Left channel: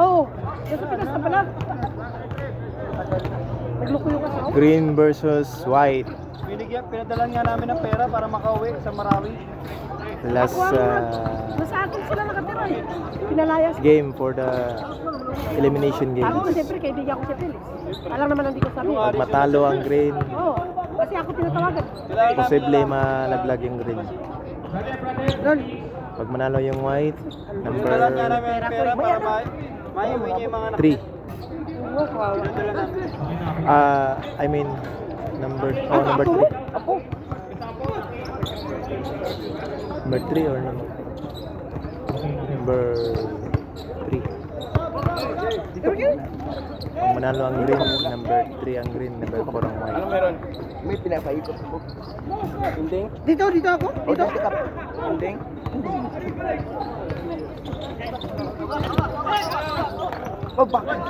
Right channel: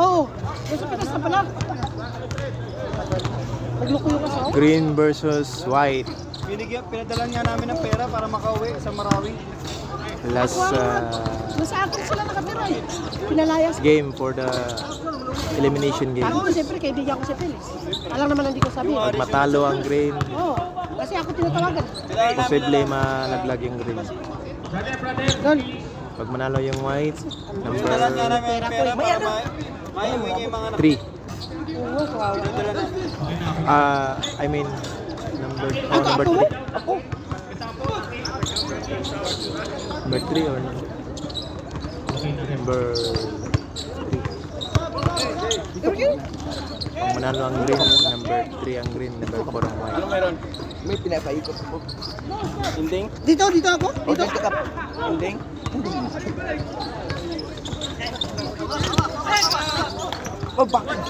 Oo. Nasa Pinas na pala. Naglukuyo ka sa ako. Green versus white. Pinadalan nga namin ng pera para makauwi sa Marawi. Last Nasa akin sila nakatira eh. Pinalayas. game for the elimination game. Ako, siyempre, kaibigan ko si Pilis. Alam naman hindi ko sabihin. Pag matalo ang green, Oo. Kasi ako tinatawagan. posible malaglag yung green. Doon. Pag manalo yung white, number Pinadalan nga namin ng pera para maiuwi niya yung mga 3. Oo, kawawa. I mean, number 3. Number 3 or number 3. Pag manalo ang green, number 3 ang green, number 4 ang white. meron? May pinakaikot ako. Inding? Dito ako? Dito. Inding? Oh, bakit?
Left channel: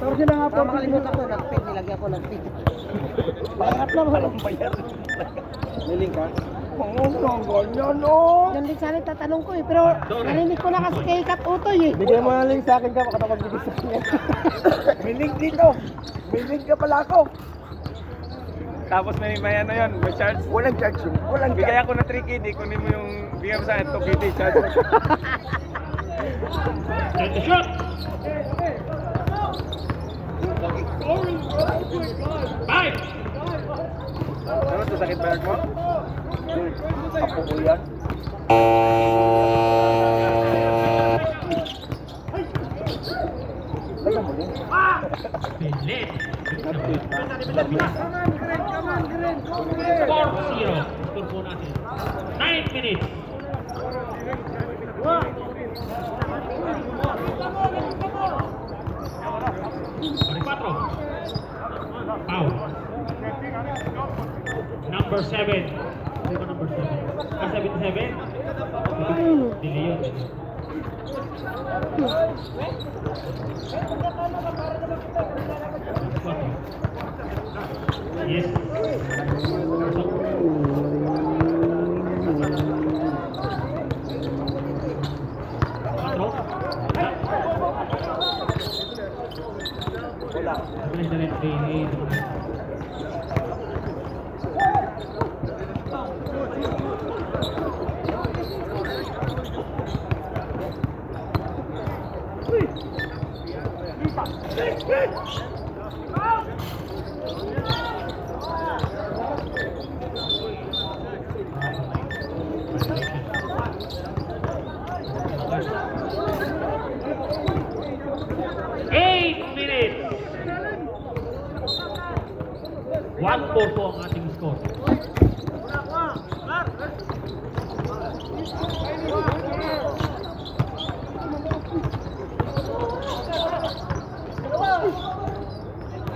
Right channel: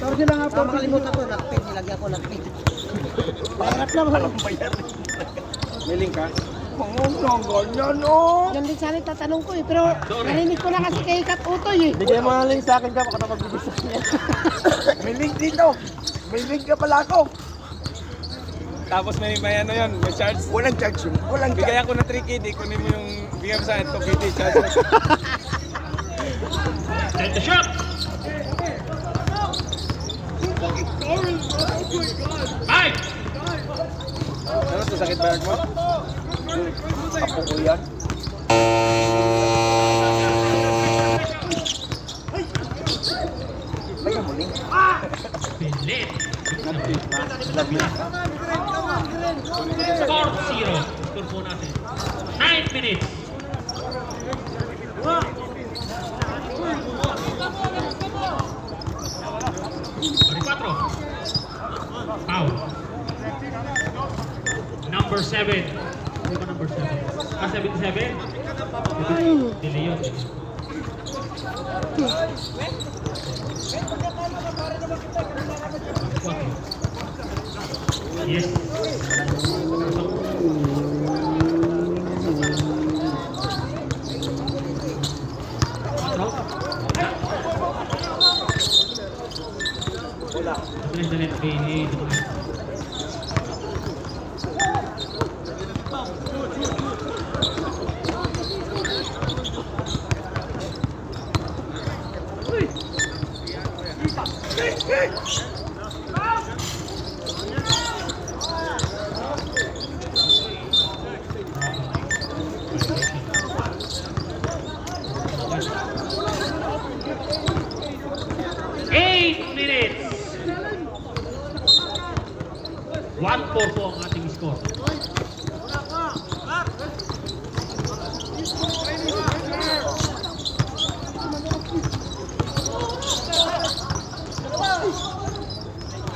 Tawag sila nga po, pilimot ako. Nilagyan ko ng pin. Pangarap lang. Anong bayar? May link ka? Ang ganyan, no? Yan din sana tatanong ko eh. Pero narinig ko na kasi kay Kat Utoy eh. Bigay mo nga link sa akin ka, baka napagbigay sa kanya. May link dito. May link ka pala ako. Tapos may ano yun, may charge. Walang charge yun. Walang Bigay ako ng 3 KD, kunin mo yung bigay mo sa akin, 2 KD charge. Set the shot! 5! Ano sa sakit bag mo? Ako, kuya. Lagyan mo link. Pilit! Nag-tweet pa. Lagyan. 4-0. Score po natin. 9 minutes. Patro. Foul. Number 7. Hindi ba number 7? 77? Delay yun. Yes. Patro. Dalit ini teman. Minutes. 1-4 po ang ating score.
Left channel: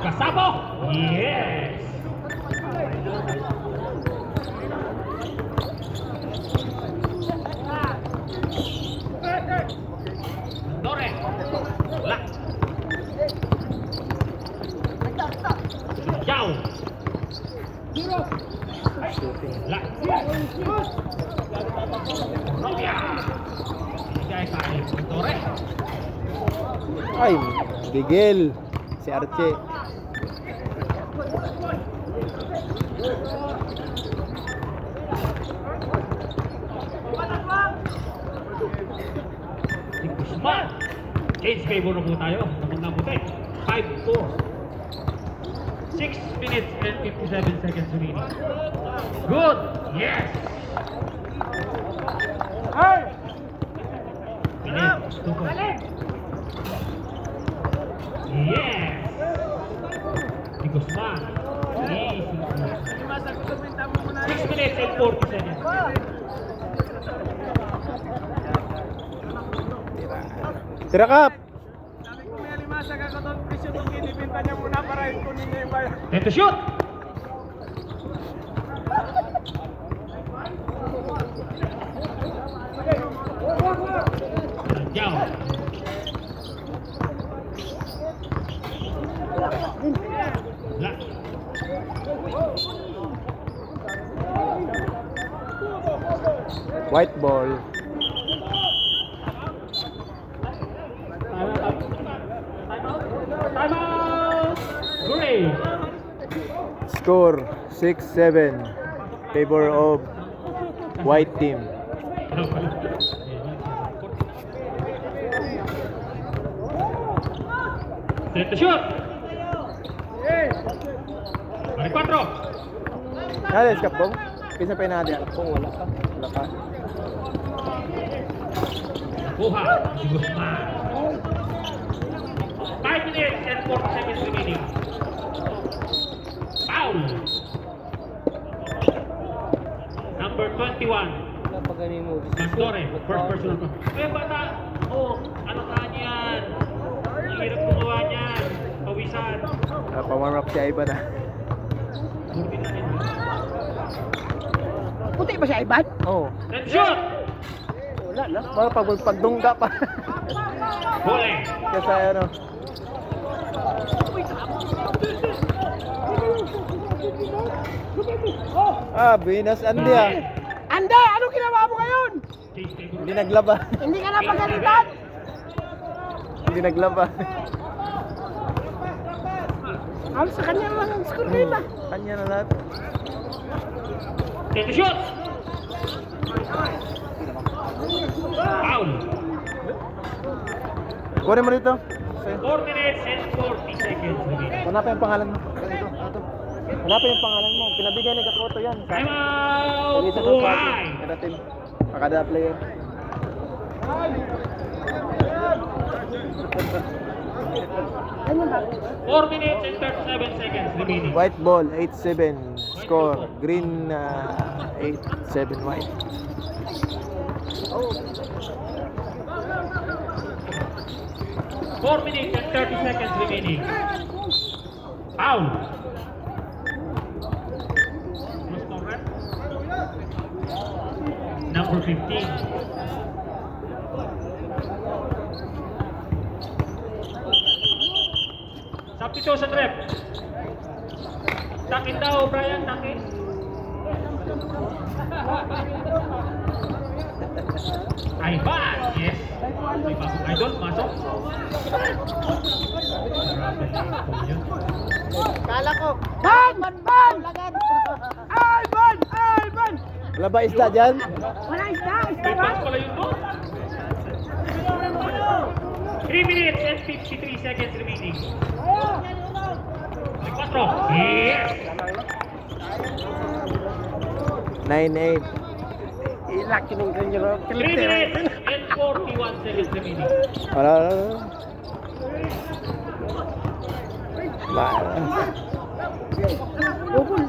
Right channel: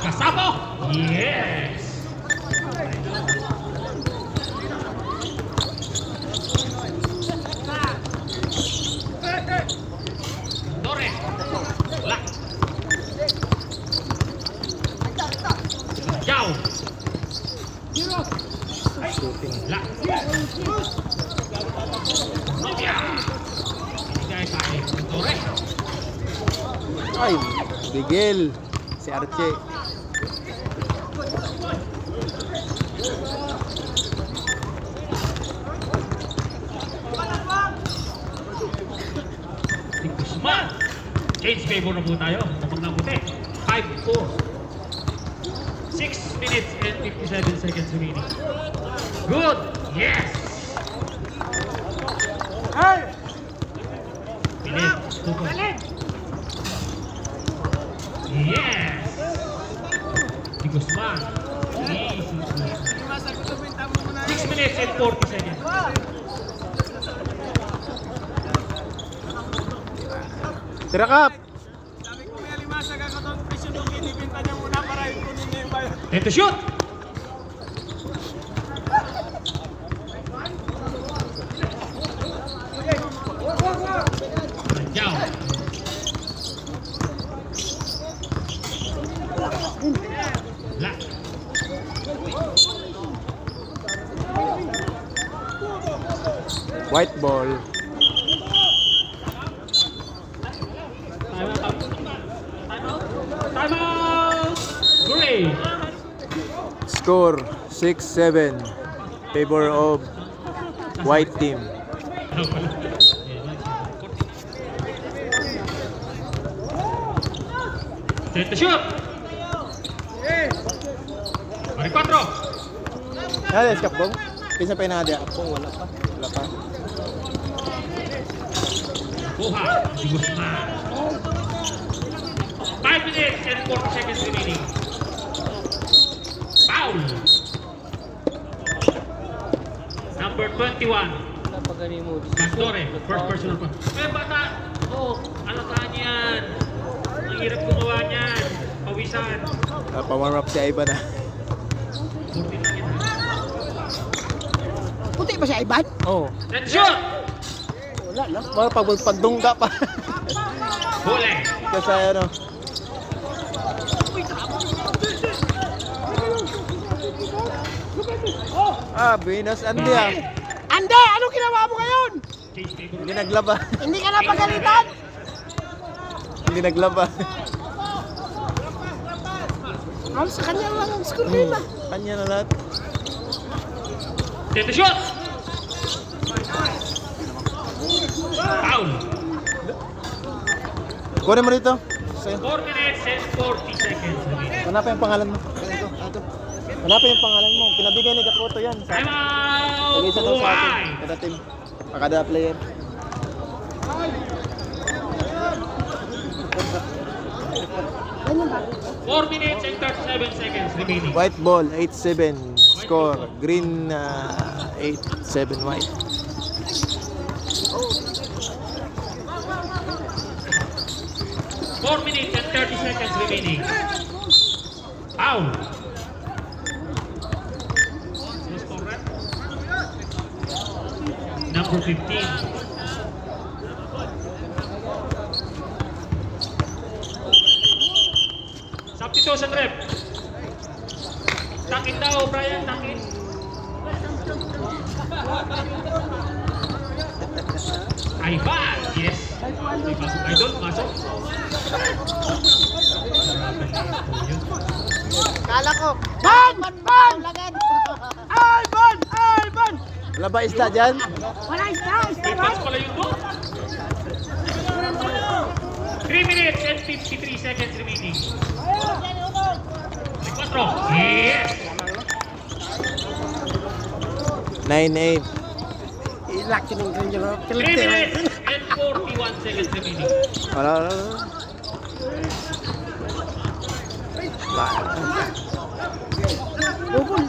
Kasabo! Yes! Torres! Wala! Jao! Wala! Nokia! Bigay sa akin. Torres! Ay, Bigel. Si Arche. Guzman. Change favor na po tayo. Kapag nabuti. 5-4. 6 minutes and 57 seconds remaining. Good. Yes. Minute. 2 points. Yes. Si Guzman. Easy. 6 minutes and 40 seconds. Tira kap. And to shoot! Jao. White ball. Time out. Time out. Green. Score 6-7. Favor of white team. Set the shoot. Mari 4. Alas kapong. Kinsa pa na dia kapong wala pa. Wala pa. Buha. Guzman. 5 minutes and 40 seconds remaining. Foul. Number 21. Pastore, first personal foul. Ay, bata! Oh, alakaan yan. Ang hirap gumawa niyan. Pawisan. Pa-warm up si Ivan na. Puti ba siya, Ivan? Oh. Let's shoot! Wala na. Mga pagdungga pa. Huli. Kasi ano. Buenos Andy ah. Ande, anong ginawa mo ngayon? Hindi naglaba. Hindi ka na pagalitan? Hindi naglaba. Ano sa kanya lang ang score din ah. Kanya na lahat. Set the shoot! Foul. Kunin mo dito. 4 minutes and 40 seconds remaining. Hanapin yung pangalan mo. Hanapin yung pangalan mo. Pinabigay ni Kapoto yan. Time out! Pag-isa ka sa Why? atin. Kada team. Kada player. Ano ba? 4 minutes and 37 seconds remaining. White ball 8-7. Score green 8-7 white. Four minutes and 30 seconds remaining. Foul. Number 15. Substitution rep. Takit daw, Brian, takit. Ay ba? Yes. May pasok idol, pasok. Kala ko. Ban! Ban! Lagad! Ay, ban! Ay, ban! Wala ba isda dyan? Wala isda! Isda na! Pas pala yung goal. 3 minutes and 53 seconds remaining. 4. Yes! 9-8. Ilaki ng ganyan. 3 minutes and 41 seconds remaining. Wala. Wow. Bukol.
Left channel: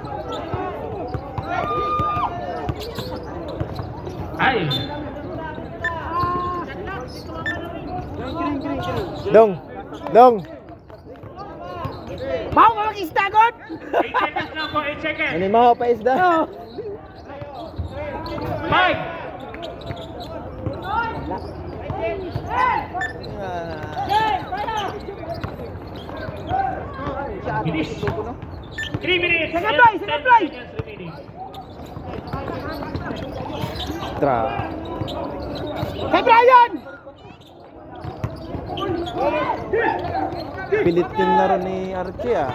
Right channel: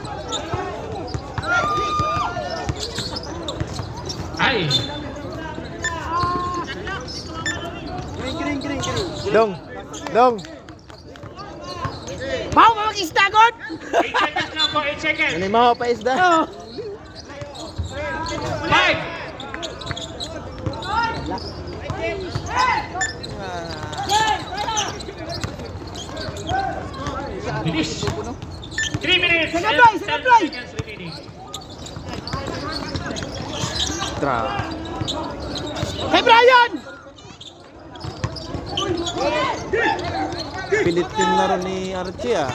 Ay! Dong. Dong. Mau ka mag-isda, God? 8 seconds lang po, 8 seconds. Ano yung mga pa isda? Oh. 5! Bilis! 3 minutes and 10 seconds remaining. Tra. Hey, Brian! Pilit yung laro ni Archie ah.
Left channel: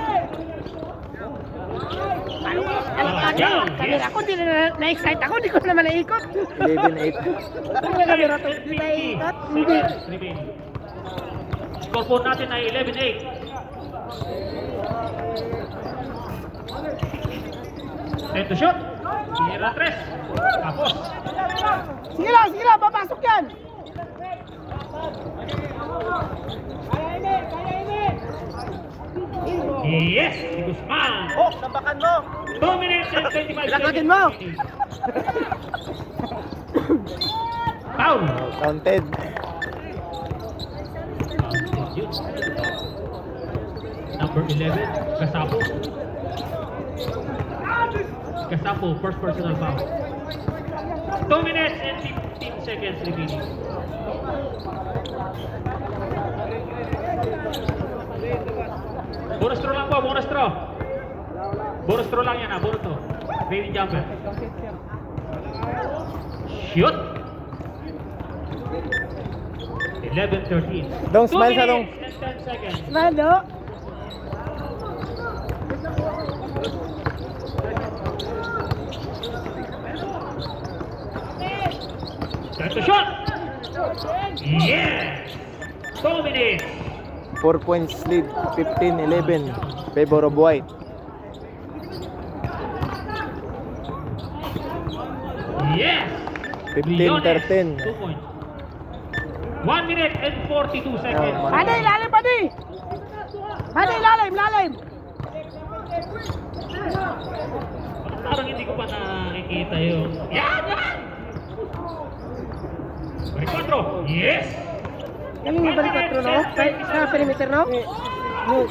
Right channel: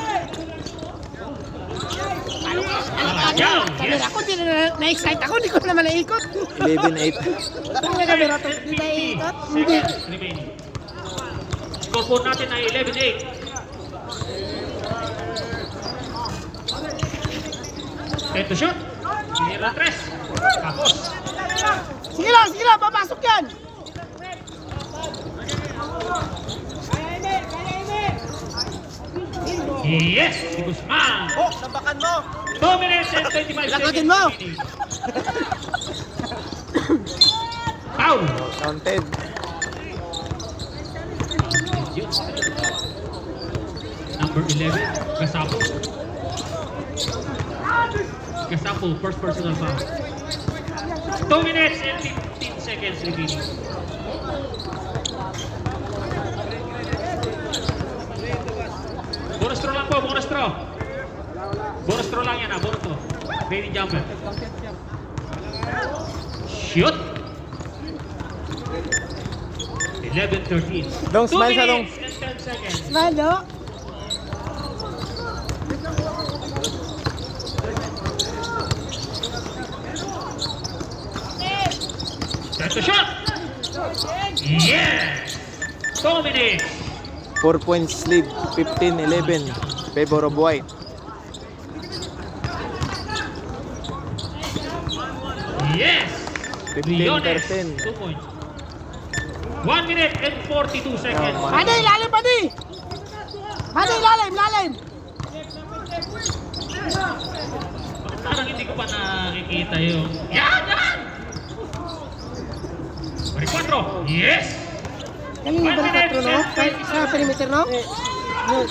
Down! Yes! Ako din na-excite ako, hindi ko naman naikot. 11-8. 2 minutes and 50 seconds remaining. Score po natin ay 11-8. Ito shoot. Sinira 3. Tapos. Sige lang, papasok yan. Yes! Si Guzman. Oh, nabakan mo. 2 minutes and 25 seconds Lakatin mo. remaining. Foul. Oh, counted. Number 11, Gasapo. Gasapo, first personal foul. 2 minutes and 15 seconds remaining. Bonus throw lang po, bonus throw. Bonus throw lang yan, bonus throw. Baby jumper. Shoot! 11-13. Dong, smile sa dong. 2 minutes and 10 seconds. Nado. Time to shot! Yes! 2 minutes. 4 points lead, 15-11. Favor of white. Yes! 15-13. 2 points. 1 minute and 42 seconds. man. Padi, lalim, padi. Padi, lalim, lalim. Parang hindi ko pa nakikita yung... Yan! Yan! Bari 4. Yes! Galing yung balik 4, no? Sa perimeter, no?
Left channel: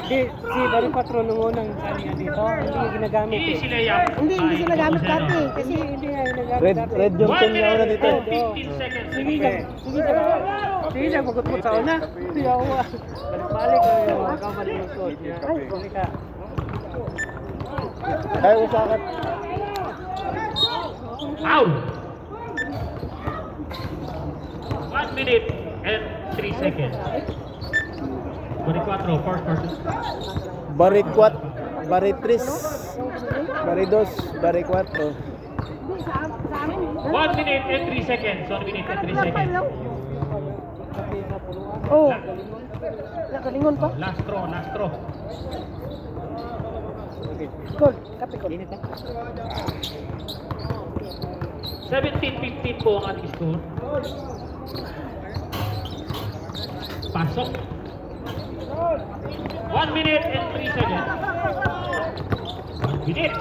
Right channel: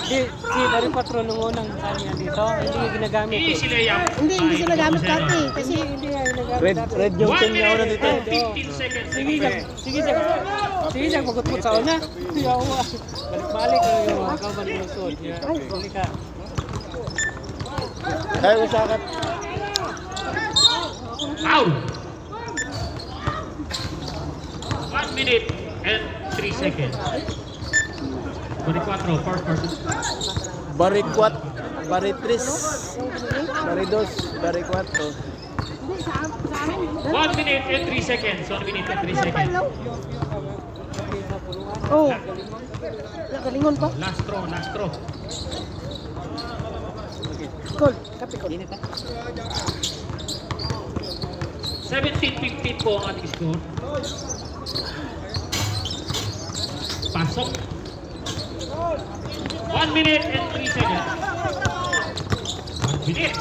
Si Barry Patron nung unang kanya dito, hindi niya ginagamit eh. Easy layup. Hindi siya nagamit dati. Kasi Hindi niya ginagamit dati. Red yung 1 team niya una minute dito. and 15 seconds. Sige lang, sige lang, magutot sa una. Hindi ako nga. Balik ko yung kamar ng suot niya. Hindi ka. Ay, usakat. Foul! 1 minute and 3 seconds. 24, first person. Bari 4, Bari 3, Bari 2, Bari 4. 1 minute and 3 seconds. 1 minute and 3 seconds. oh. Nagalingon pa. Last throw, last throw. Goal. Kapi ko. 17-15 po ang ating score. Pasok. 1 minute and 3 seconds. 1 minute.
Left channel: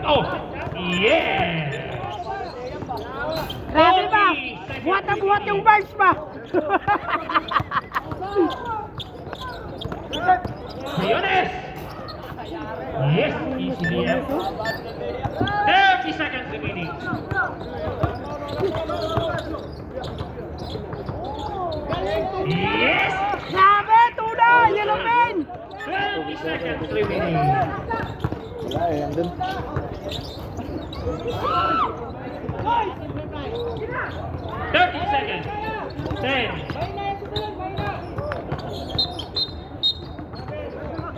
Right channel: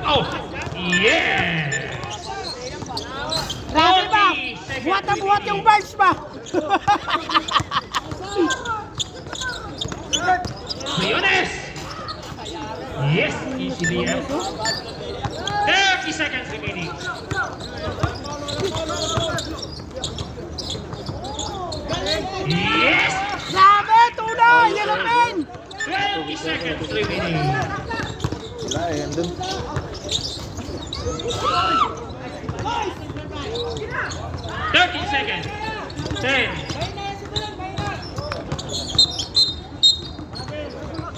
Oh! Yeah! Grabe pa. Buhat na buhat yung bars pa. Mayonnaise! Yes, easily yes. 30 seconds remaining. Yes! Grabe, tunay. Yan ang pin. 20 seconds remaining. Wala eh, andun. 30 seconds. 10,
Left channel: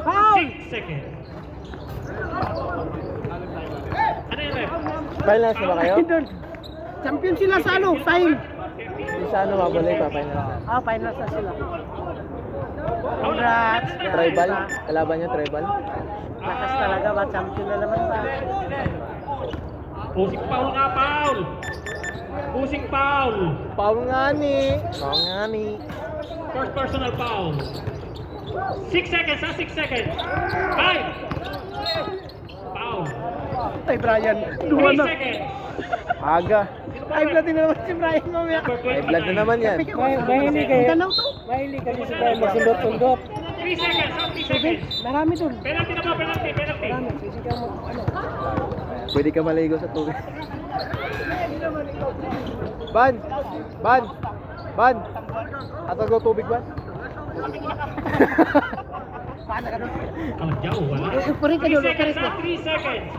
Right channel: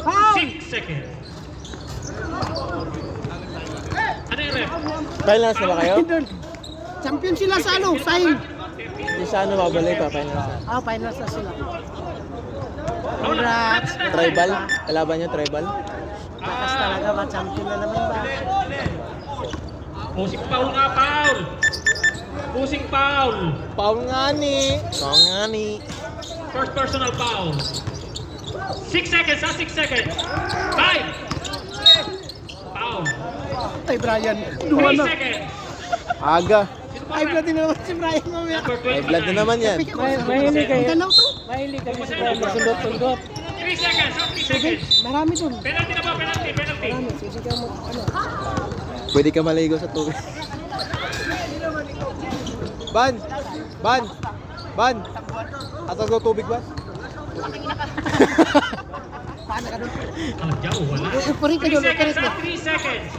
Foul. 6 seconds. Ano yun, Rep? Finals na ba kayo? Doon. Champion sila sa ano, sign. Hindi sa ano babalik ka, finals na. Ah, finals na sila. Congrats! Tribal? Kalaban niyo, tribal? Lakas talaga ba? Champion na naman ba? Pusing foul nga, foul! Pusing foul! Pangani! Pangani! First personal foul. 6 seconds, 6 seconds. 5. Foul. Ay, Brian. 3 seconds. Aga! Ay, platin na naman si Brian mamaya. Number Ay, blood na 29. naman yan. Mahilig Ang kayo. ganang to. Mahilig kami sa tayo magsundot-sundot. 3 seconds, 3 seconds. Marami dun. Penalty na ba? Penalty, penalty. Sisigaw mo. Ano? Pwede ka maligo sa tubig. Ban! Ban! Ban! Atas ko tubig, Ban? Paano ka doon? Kalagyaw, wala. Upuri ka 3 doon. seconds, Upuri ka. 3 seconds.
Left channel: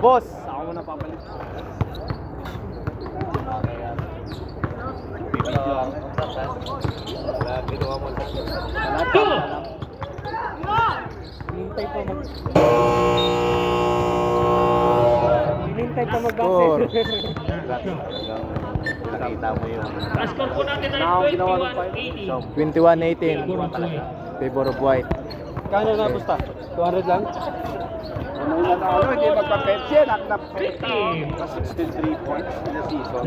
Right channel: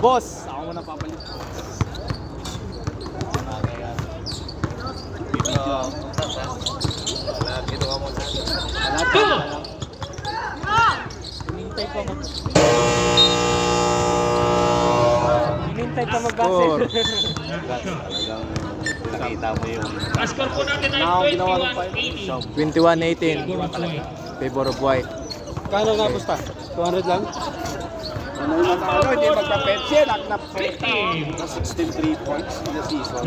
Boss! Two. Hinintay pa mag... Hinintay pa Score. mag-basket. Ang score po natin ay 21-80. 21-18. Favor of white. Favor of white. Kano na gusto? 200 lang? Ang foul Hindi po magpa-pension. na 50. 63 points in the season.